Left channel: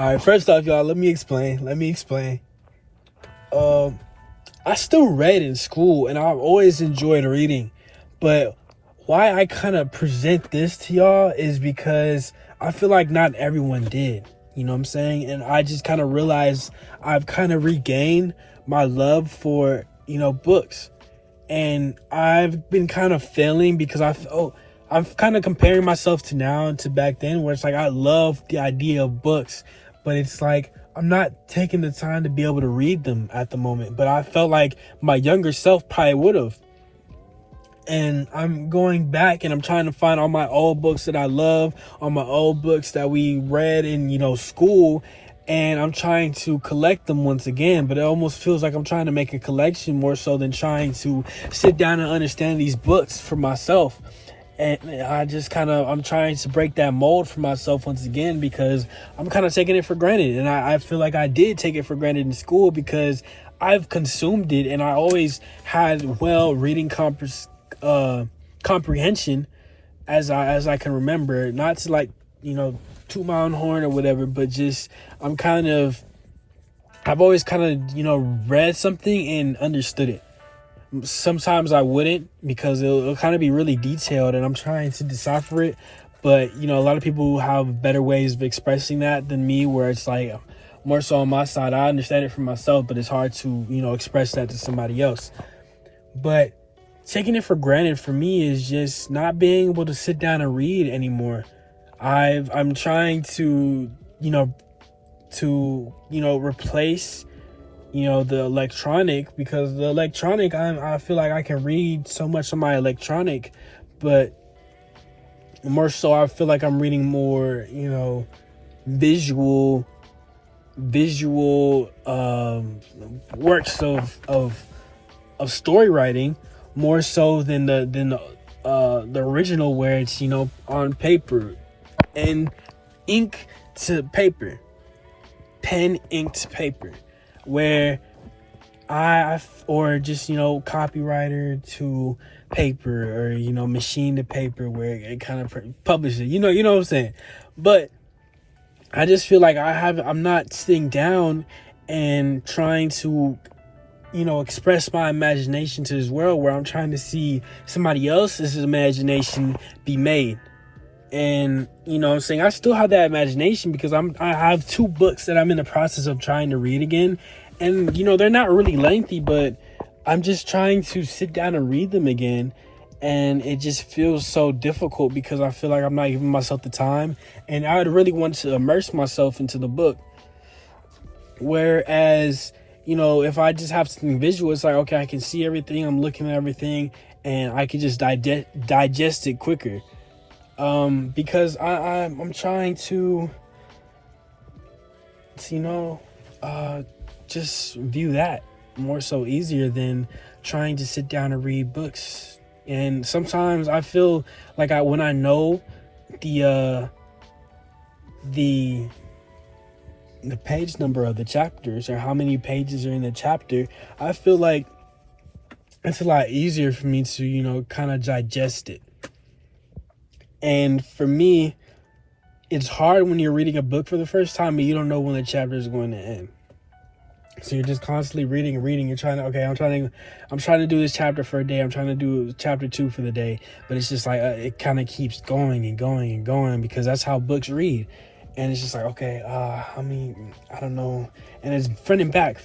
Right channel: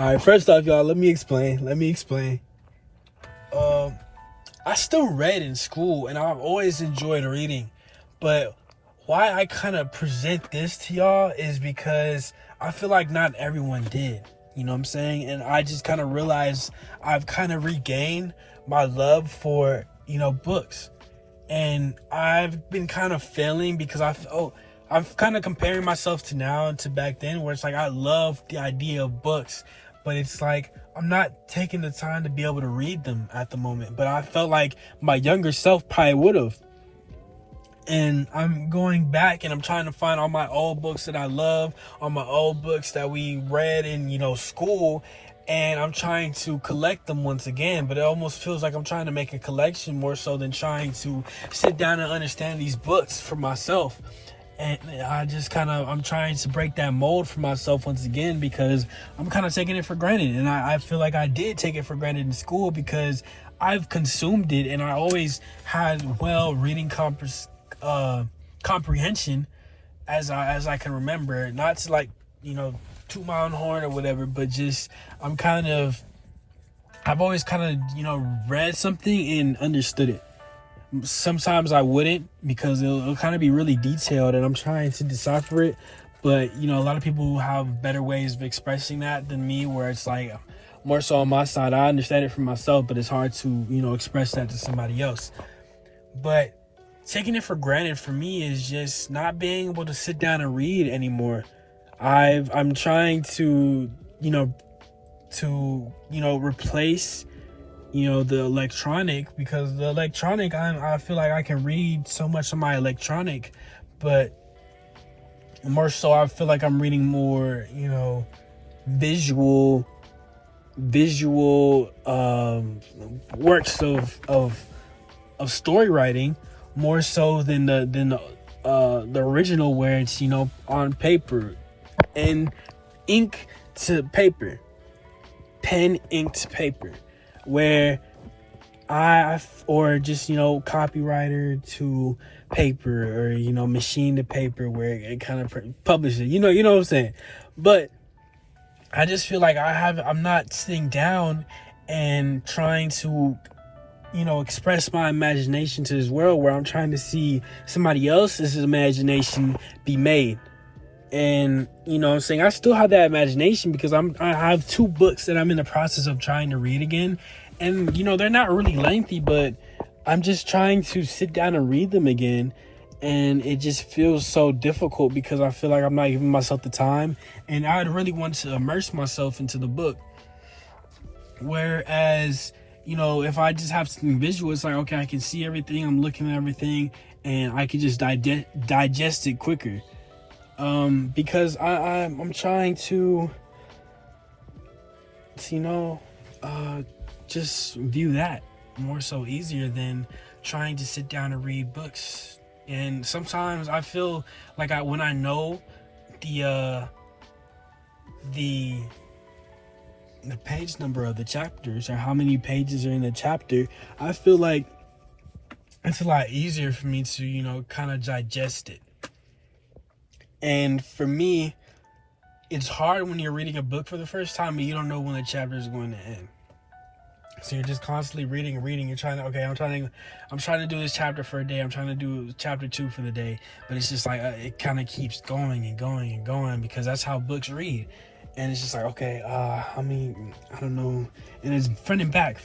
All right, first off, y'all, let me explain. I still read in school, and I've always enjoyed reading. But why I kind of present this to y'all is because I feel like not everyone did. You know what I'm saying? And I just kind of realized I've kind of regained my love for, books. And I've been kind of failing because I'm kind of comparing myself to now to back then, where it's like I love the idea of books, but it's like I'm not taking the time to be able to read them at the moment. But I felt like my younger self probably would have. And I'm going back and I'm trying to find all my old books that I love, all my old books that we read in, school. And I'm trying to collect them once again, but it almost feels like I'm trying to make a collection more so than trying to sit down and understand these books for myself. And I'm trying to break that mold for myself once again, because I'm kind of taking it for granted. And I feel like I did take it for granted in school because I've consumed it, and I always had reading comprehension as I can remember. Not to toot my own horn or whatever, but just I've always read something and understood it. Sometimes I wouldn't, because it'll kind of be really detailed, and I'm trying to decipher it. But a lot of people have better ways of expressing that than me, where it's like more so on my side. I understand it for myself, but it's hard to express that to somebody else. But taking it for granted for me is just not being able to sit down and read anymore. I'm trying to replace the electronic, because the electronic, I feel like I can read so much on my electronic, but more so I feel like I'm reading more visual works of story writing, more so than the original, where it's on paper and ink to paper, pen, ink to paper, where or just copywriter to paper, or machine to paper, where it kind of publishes it. You know what I'm saying? But I just feel like I'm not sitting down and trying to express my imagination to this world, where I'm trying to see somebody else's imagination be made. And what I'm saying, I still have that imagination, because I have 2 books that I'm in the process of trying to read again. And they're not really lengthy, but I'm just trying to sit down and read them again. And it just feels so difficult, because I feel like I'm not giving myself the time, and I would really want to immerse myself into the book. Whereas if I just have something visual, it's like, okay, I can see everything, I'm looking at everything, and I can just digest it quicker. Because I'm trying to, just view that more so easier than trying to sit down and read books. And sometimes I feel like when I know the page number of the chapters, or how many pages are in the chapter, I feel like it's a lot easier for me to, kind of digest it. And for me, it's hard when you're reading a book for the first time and you don't know when the chapter is going to end. So you're just constantly reading. You're trying to, I'm trying to do this chapter for a day. I'm trying to do chapter 2 for the day. But it's just like, it kind of keeps going and going and going, because that's how books read. And it's just like, okay, I don't know. And it's front and back.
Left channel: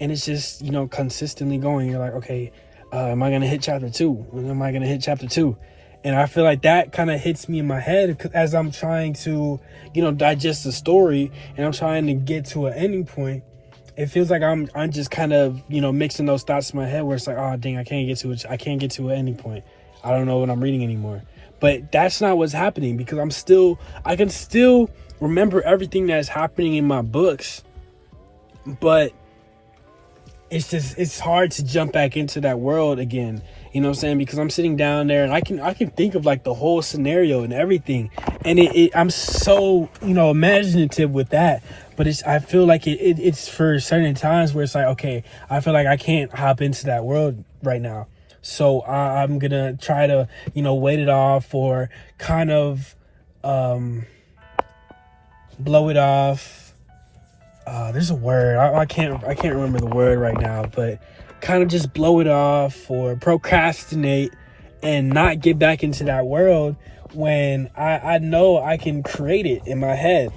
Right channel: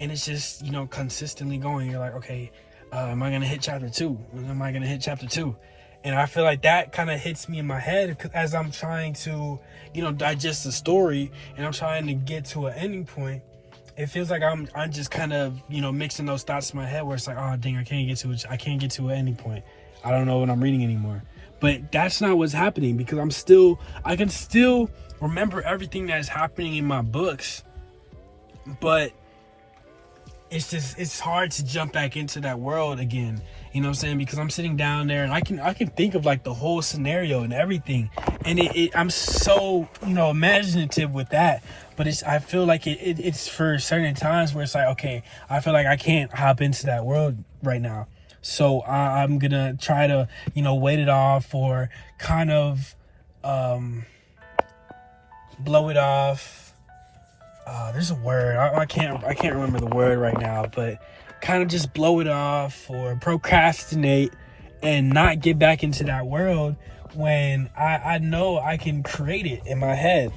And it's just, consistently going. You're like, okay, am I going to hit chapter 2? When am I going to hit chapter 2? And I feel like that kind of hits me in my head as I'm trying to, digest the story, and I'm trying to get to an ending point. It feels like I'm just kind of, mixing those thoughts in my head, where it's like, oh, dang, I can't get to an ending point. I don't know what I'm reading anymore. But that's not what's happening, because I can still remember everything that's happening in my books. But it's hard to jump back into that world again. You know what I'm saying? Because I'm sitting down there and I can think of like the whole scenario and everything. And I'm so, imaginative with that. But I feel like it's for certain times where it's like, okay, I feel like I can't hop into that world right now. So I'm going to try to, wait it off, or kind of blow it off. There's a word. I can't remember the word right now, but kind of just blow it off or procrastinate and not get back into that world when I know I can create it in my head.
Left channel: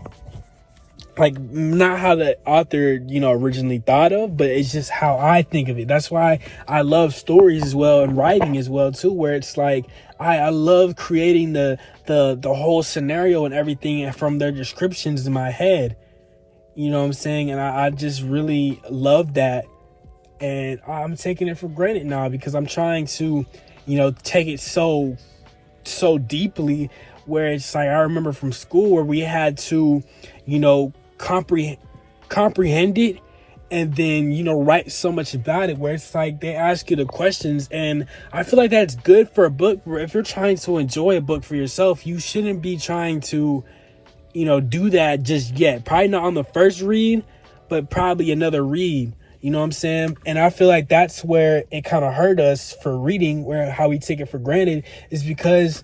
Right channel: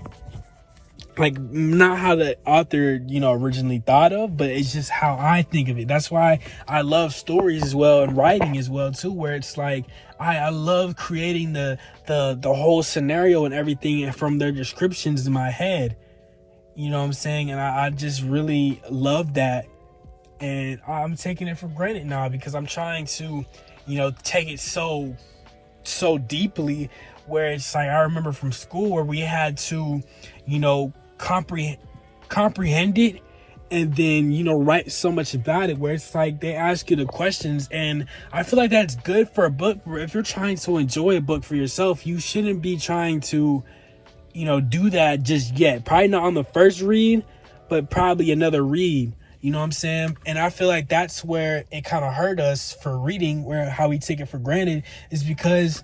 Like, not how the author, originally thought of, but it's just how I think of it. That's why I love stories as well and writing as well too, where it's like I love creating the whole scenario and everything from their descriptions in my head. You know what I'm saying? And I just really love that. And I'm taking it for granted now because I'm trying to, take it so deeply, where it's like I remember from school where we had to, comprehend it and then, write so much about it, where it's like they ask you the questions. And I feel like that's good for a book. Where if you're trying to enjoy a book for yourself, you shouldn't be trying to, do that just yet. Probably not on the first read, but probably another read. You know what I'm saying? And I feel like that's where it kind of hurt us for reading, where how we take it for granted is because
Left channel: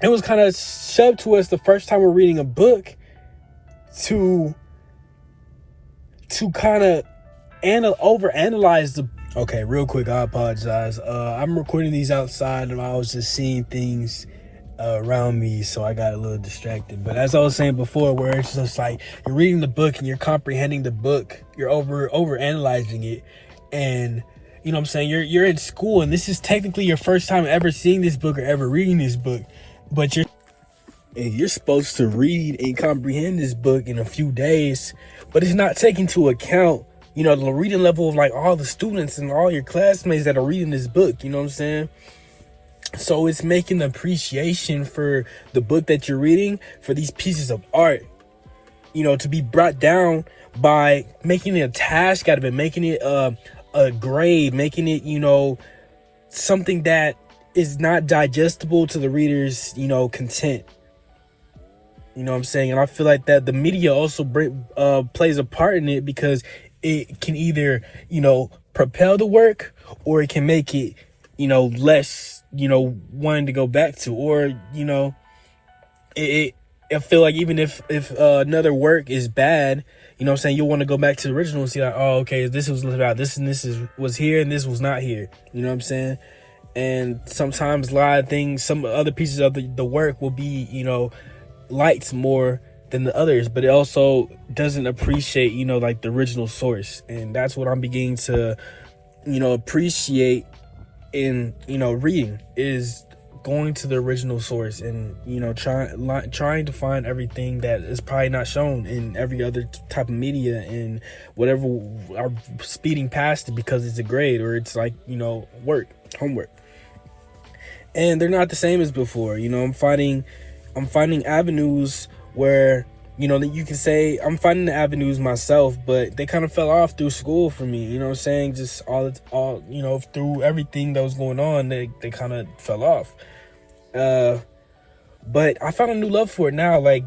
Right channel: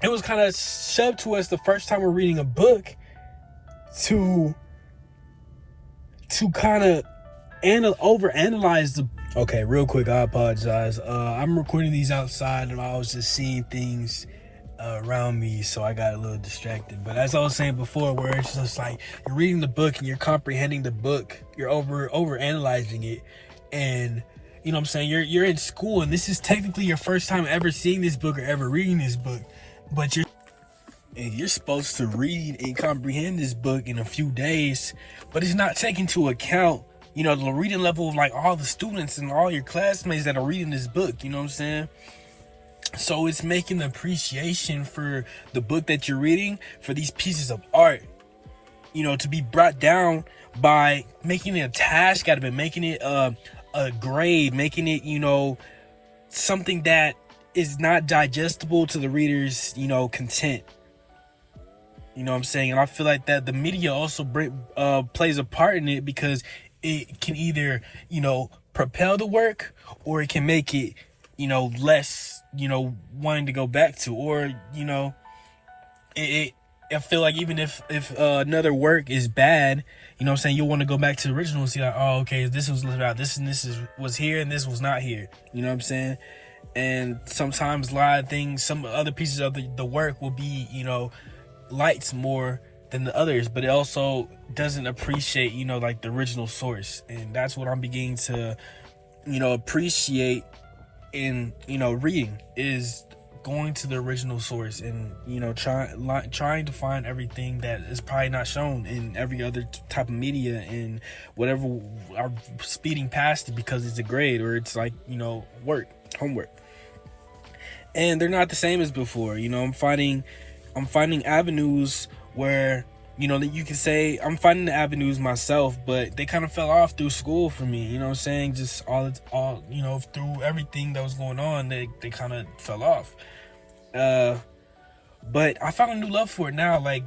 it was kind of shoved to us the first time we're reading a book to kind of overanalyze the. Okay, real quick, I apologize. I'm recording these outside and I was just seeing things around me, so I got a little distracted. But as I was saying before, where it's just like you're reading the book and you're comprehending the book, you're over analyzing it, and you know what I'm saying, you're in school and this is technically your first time ever seeing this book or ever reading this book, but you're supposed to read and comprehend this book in a few days, but it's not taking into account the reading level of like all the students and all your classmates that are reading this book. You know what I'm saying? So it's making appreciation for the book that you're reading, for these pieces of art, to be brought down by making it a task out of it, making it a grade, making it, something that is not digestible to the reader's, content. You know what I'm saying? And I feel like that the media also plays a part in it, because it can either, propel the work, or it can make it, less, wanting to go back to, or, I feel like even if another work is bad, you know what I'm saying, you'll want to go back to the original and see like, oh, okay, this was about this and this was here and this was not here. You know what I'm saying? And sometimes a lot of things, some other pieces of the work will be, liked more than the others, but it also doesn't appreciate, like the original source. And that's what I'm beginning to, appreciate in, reading, is going to the original source and, trying to find everything that is probably not shown in every other type of media, and whatever are speeding past it because it's a grade or it's like, homework. And they're not the same as before. I'm finding avenues where, that you can say I'm finding the avenues myself, but they kind of fell off through school for me. You know what I'm saying? Just all through everything that was going on, they kind of fell off. But I found a new love for it now, like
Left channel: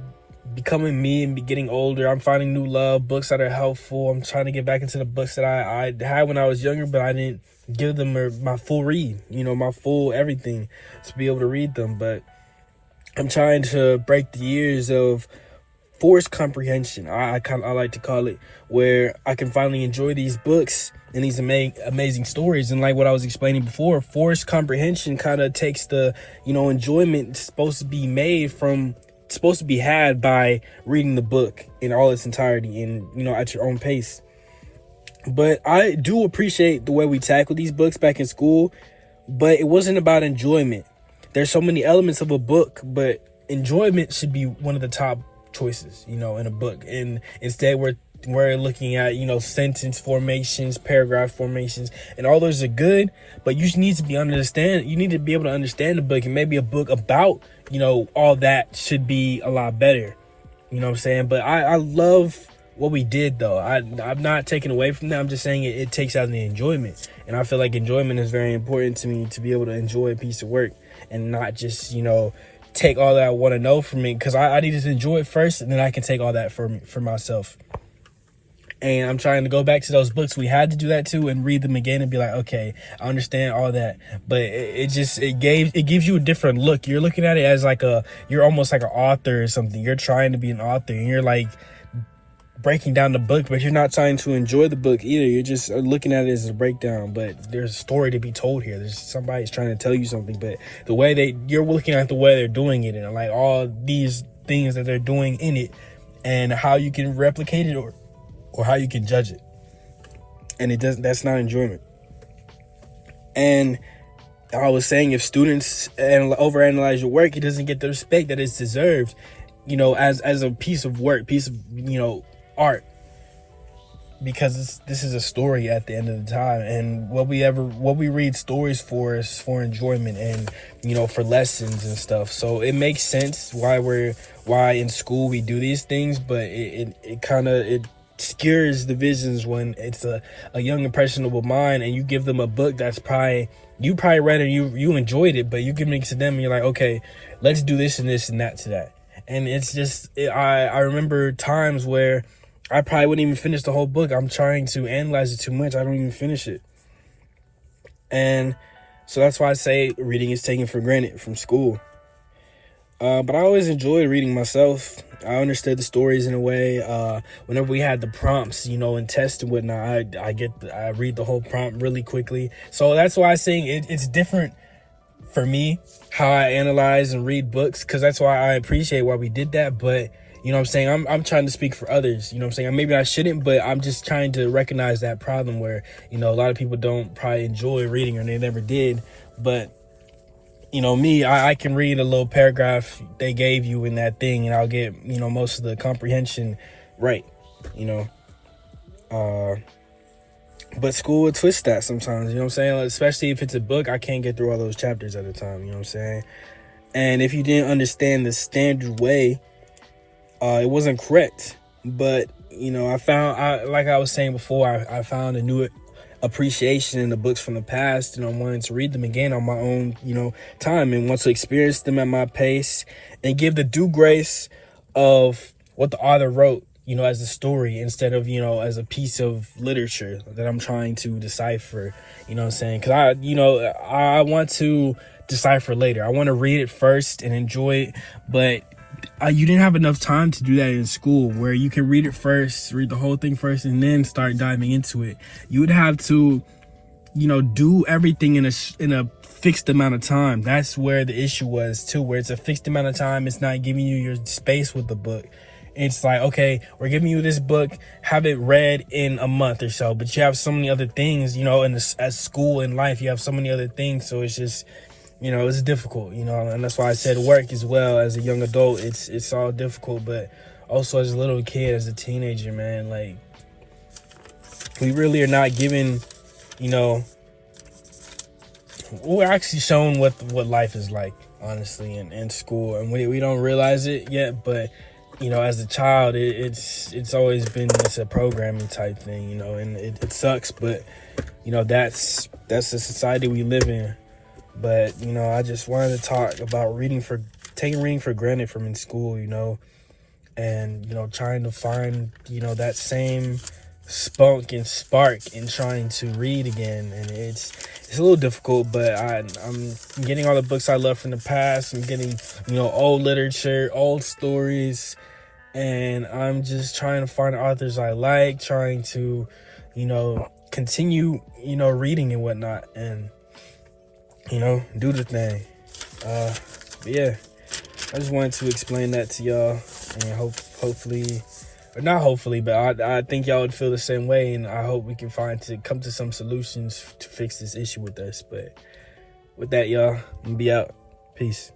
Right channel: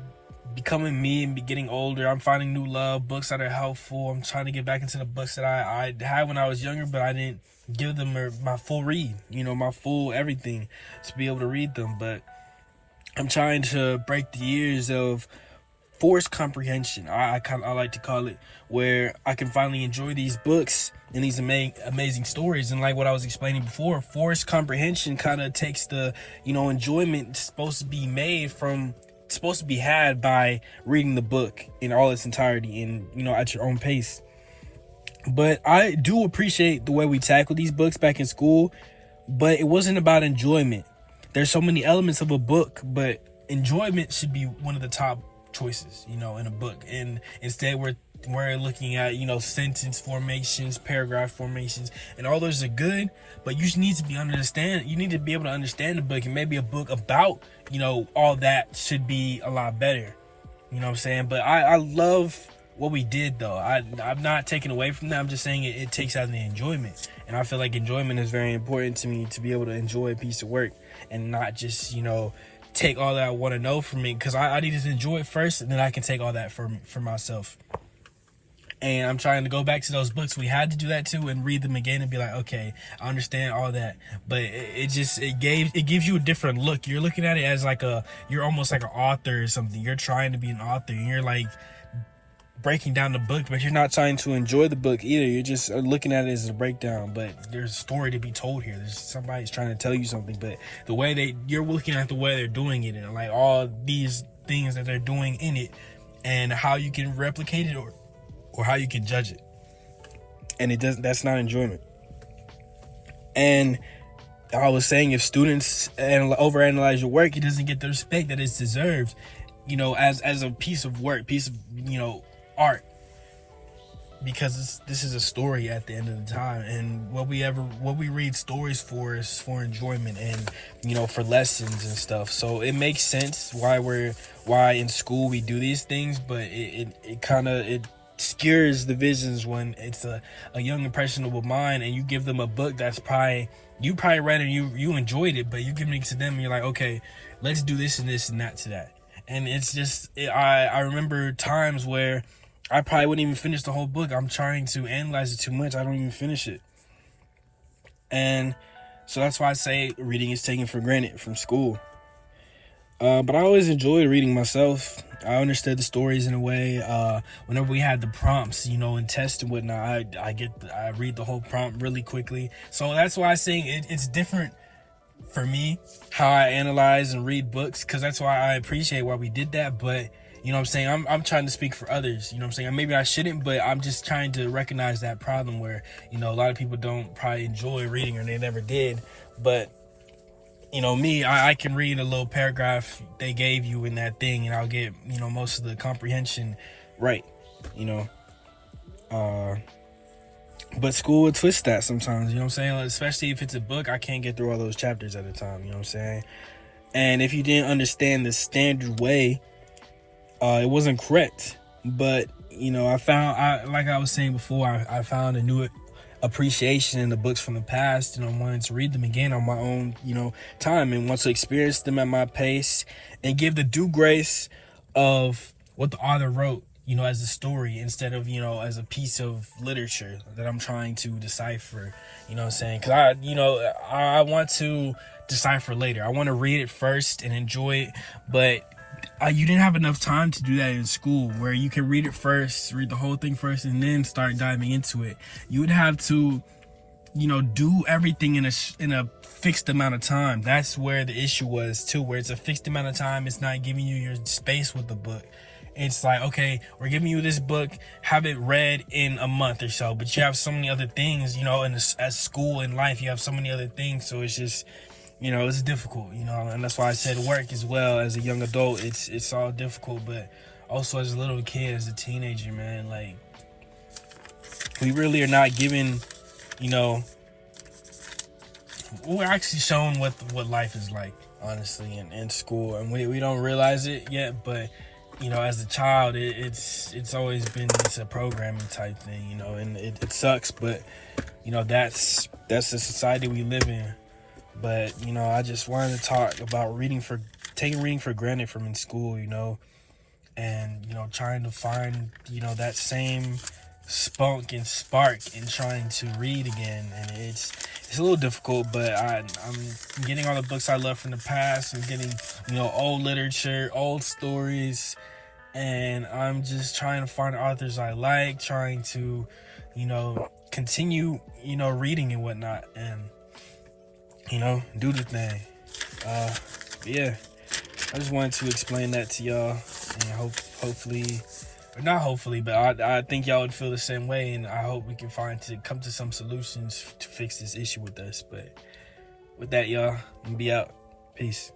becoming me and getting older. I'm finding new love, books that are helpful. I'm trying to get back into the books that I had when I was younger, but I didn't give them my full read, my full everything to be able to read them. But I'm trying to break the years of forced comprehension, I like to call it, where I can finally enjoy these books and these amazing stories. And like what I was explaining before, forced comprehension kind of takes the, enjoyment supposed to be had by reading the book in all its entirety and, at your own pace. But I do appreciate the way we tackled these books back in school, but it wasn't about enjoyment. There's so many elements of a book, but enjoyment should be one of the top choices, in a book. And instead we're looking at, sentence formations, paragraph formations, and all those are good, but you need to be able to understand the book. And maybe a book about, all that should be a lot better. You know what I'm saying? But I love what we did, though. I'm not taking away from that. I'm just saying it takes out the enjoyment. And I feel like enjoyment is very important to me, to be able to enjoy a piece of work and not just, take all that I want to know from me, because I need to enjoy it first, and then I can take all that for myself. And I'm trying to go back to those books we had to do that to and read them again and be like, okay, I understand all that. But it gives you a different look. You're looking at it as like you're almost like an author or something. You're trying to be an author and you're like breaking down the book, but you're not trying to enjoy the book either. You're just looking at it as a breakdown, but there's a story to be told here. There's somebody's trying to tell you something, but the way you're looking at the way they're doing it and like all these things that they're doing in it and how you can replicate it or how you can judge it. And that's not enjoyment. And I was saying, if students overanalyze your work, it doesn't get the respect that it's deserved, as a piece of work, art, because this is a story at the end of the time. And what we read stories for is for enjoyment and for lessons and stuff. So it makes sense why in school we do these things, but it kind of skews the visions when it's a young impressionable mind and you give them a book that's you probably read and you enjoyed it, but you give it to them and you're like, okay, let's do this and this and that to that. And it's just I remember times where I probably wouldn't even finish the whole book. I'm trying to analyze it too much. I don't even finish it. And so that's why I say reading is taken for granted from school. But I always enjoyed reading myself. I understood the stories in a way. Whenever we had the prompts, and tests and whatnot, I read the whole prompt really quickly. So that's why I say it's different for me how I analyze and read books, because that's why I appreciate why we did that. But I'm trying to speak for others. Maybe I shouldn't, but I'm just trying to recognize that problem where a lot of people don't probably enjoy reading or they never did. But me, I can read a little paragraph they gave you in that thing and I'll get, most of the comprehension right, but school would twist that sometimes, especially if it's a book, I can't get through all those chapters at a time, and if you didn't understand the standard way, it wasn't correct. But, like I was saying before, I found a new appreciation in the books from the past, and I wanted to read them again on my own, time, and want to experience them at my pace and give the due grace of what the author wrote, as a story instead of, as a piece of literature that I'm trying to decipher, because I want to decipher later. I want to read it first and enjoy it, but you didn't have enough time to do that in school, where you can read it first, read the whole thing first, and then start diving into it. You would have to, do everything in a fixed amount of time. That's where the issue was too, where it's a fixed amount of time. It's not giving you your space with the book. It's like, okay, we're giving you this book, have it read in a month or so, but you have so many other things, as school and life, you have so many other things. So it's just, it's difficult, and that's why I said work as well. As a young adult, it's all difficult, but also as a little kid, as a teenager, man, like, we really are not given, we're actually shown what life is like, honestly, in school, and we don't realize it yet, but, as a child, it's always been just a programming type thing, and it sucks, but, that's the society we live in. But, I just wanted to talk about taking reading for granted from in school, and, trying to find, that same spunk and spark in trying to read again. And it's a little difficult, but I'm getting all the books I love from the past. I'm getting, old literature, old stories, and I'm just trying to find authors I like, trying to, continue, reading and whatnot, and, do the thing. Yeah, I just wanted to explain that to y'all, and hopefully, or not hopefully, but I think y'all would feel the same way, and I hope we can come to some solutions to fix this issue with us. But with that, y'all, I'm gonna be out. Peace.